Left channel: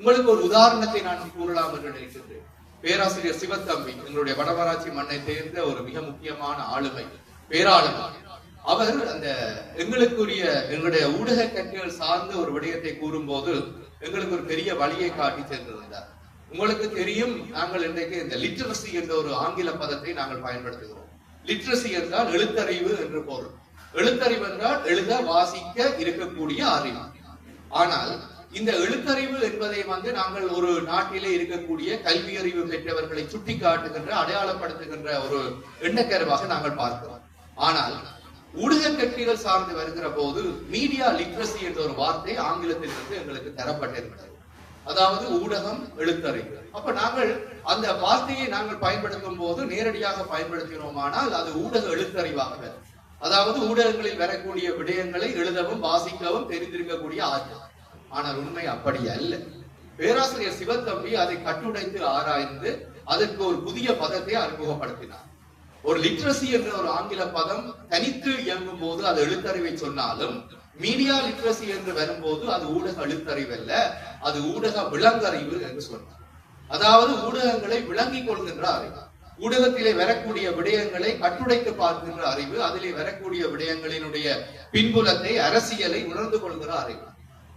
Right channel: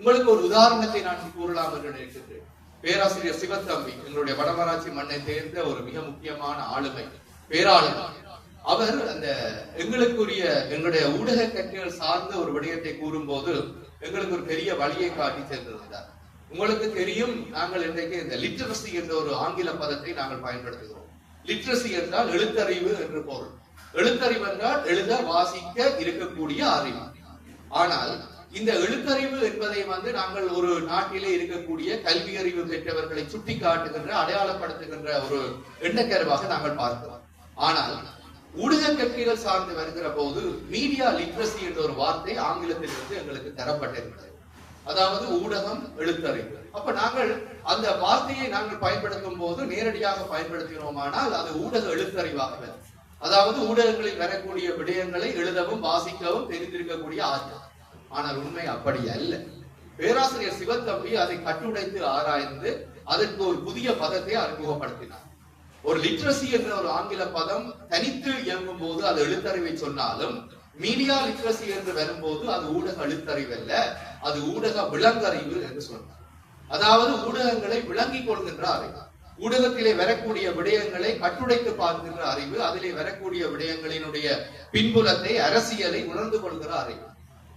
உங்களுக்கு ஒரு உதாரணத்தை நான் கூறலாம் என்று நினைக்கின்றேன். பேராசிரியர் சிவத்தம்பி எங்களுடைய வடமராட்சி மண்ணை சேர்ந்த ஒரு மிக முக்கியமான ஆளுமை பேராளுமை. அவர் அந்த எங்களுக்குரிய எங்களுடைய ஊடக கற்கைகள் சார்ந்த ஒரு விடயத்தை கூறும்போது எங்களுக்கு ஒரு பெரிய வழியை காட்டி சேர்ந்திருந்தார். உங்களுக்கு தெரியும் நாங்கள் இன்றைக்கு இந்த லிட்ரஸி என்ற ஒரு ஆங்கில பதத்தை நாங்கள் பயன்படுத்துகிறோம். லிட்ரஸி என்றால் எழுத்தறிவு என்று பொருள். எழுத்தறிவு என்றால் எழுத வாசிக்க இருக்கக்கூடிய அறிவு. ஆனால் இந்த எழுத்தறிவு என்பதை வந்து நாங்கள் ஒரு நாட்டிலே இருக்கக்கூடிய கல்வி அறிவு பெற்றவர்களை சுட்டி காட்டுகின்ற அடையாளப்படுத்துகின்ற ஒரு எண்ணக்கருவாக நாங்கள் பார்க்கிறோம். ஆனால் ஊடக கட்சிகள் சார்ந்து வருகிற போது மீடியா லிட்ரஸி என்ற ஒரு வார்த்தை ஆங்கிலத்திலிருந்து எங்களுக்கு தரப்பட்டிருக்கிறது. அதாவது ஊடகம் எழுத்தறிவு. அப்ப நாங்கள் அந்த வார்த்தையை நாங்கள் பயன்படுத்தும் போது நேரடியாக பயன்படுத்தினோமானால் அது ஊடக எழுத்தறிவாக வரும் அதாவது ஊடகங்களில் வரக்கூடிய விடயங்களை எழுதவும் வாசிக்கவும் தெரிந்திருக்கக்கூடிய ஆற்றல். ஆனால் உண்மை அப்படி அல்ல. பேராசிரியர் சிவத்தம்பி அதை கட்டுடைத்து ஆராய்ந்து அதற்கு ஒரு புதிய பதத்தை அறிமுகப்படுத்தினார். ஒரு லிட்ரஸி என்ற ஒரு ஆங்கில பதம் தனித்து இயங்கும் போது அது எழுத்தறிவை சொன்னாலும் மீடியா லிட்ரஸி என்று வரும்போது அது ஊடக எழுத்தறிவு அல்ல அது ஊடக விலங்கறிவு என்று சொன்னார். அதாவது ஊடகங்களை விளங்கிக் கொள்கின்ற அறிவு ஊடகத்திலே வரக்கூடிய விடயங்களை கட்டுடைத்து பார்க்கின்ற அறிவு அதிலே வரக்கூடிய விடயங்களினுடைய பின்புலத்தை அரசியலை உணர்ந்து கொள்கிற அறிவு.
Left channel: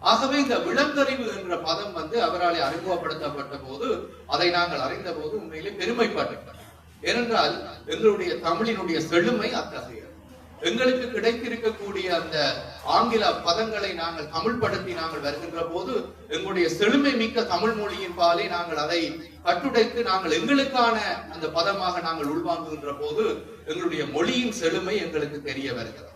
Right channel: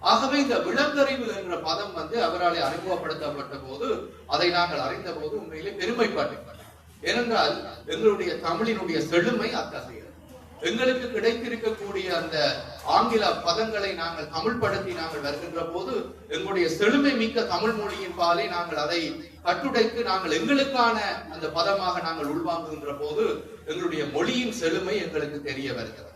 ஆகவே இந்த விலங்கறிவு என்ற பதம் வந்து அவரால் அறிமுகப்படுத்தப்பட்ட போது அதை நாங்கள் அறிந்த போது உண்மையிலே பெருமைப்பட்டிருக்கிறோம் ஏனென்றால் எங்களுடைய தமிழினுடைய செழுமை அத்தகையது. எங்களுக்கு கிடைத்திருக்கக்கூடிய அந்த ஆங்கில பதங்களை நாங்கள் தமிழ்படுத்தி நாங்கள் வருகின்ற போது எங்களுடைய செழுமை மிக்க தமிழ் மொழியின் பாலே நாங்கள் அதை கட்டுடைத்து நாங்கள் எங்களுக்கான அந்த பதமாக நாங்கள் உள்வாங்குகின்ற போது எங்களுடைய மொழியின் செழுமை எங்களுக்கு தெரிய வருகிறது.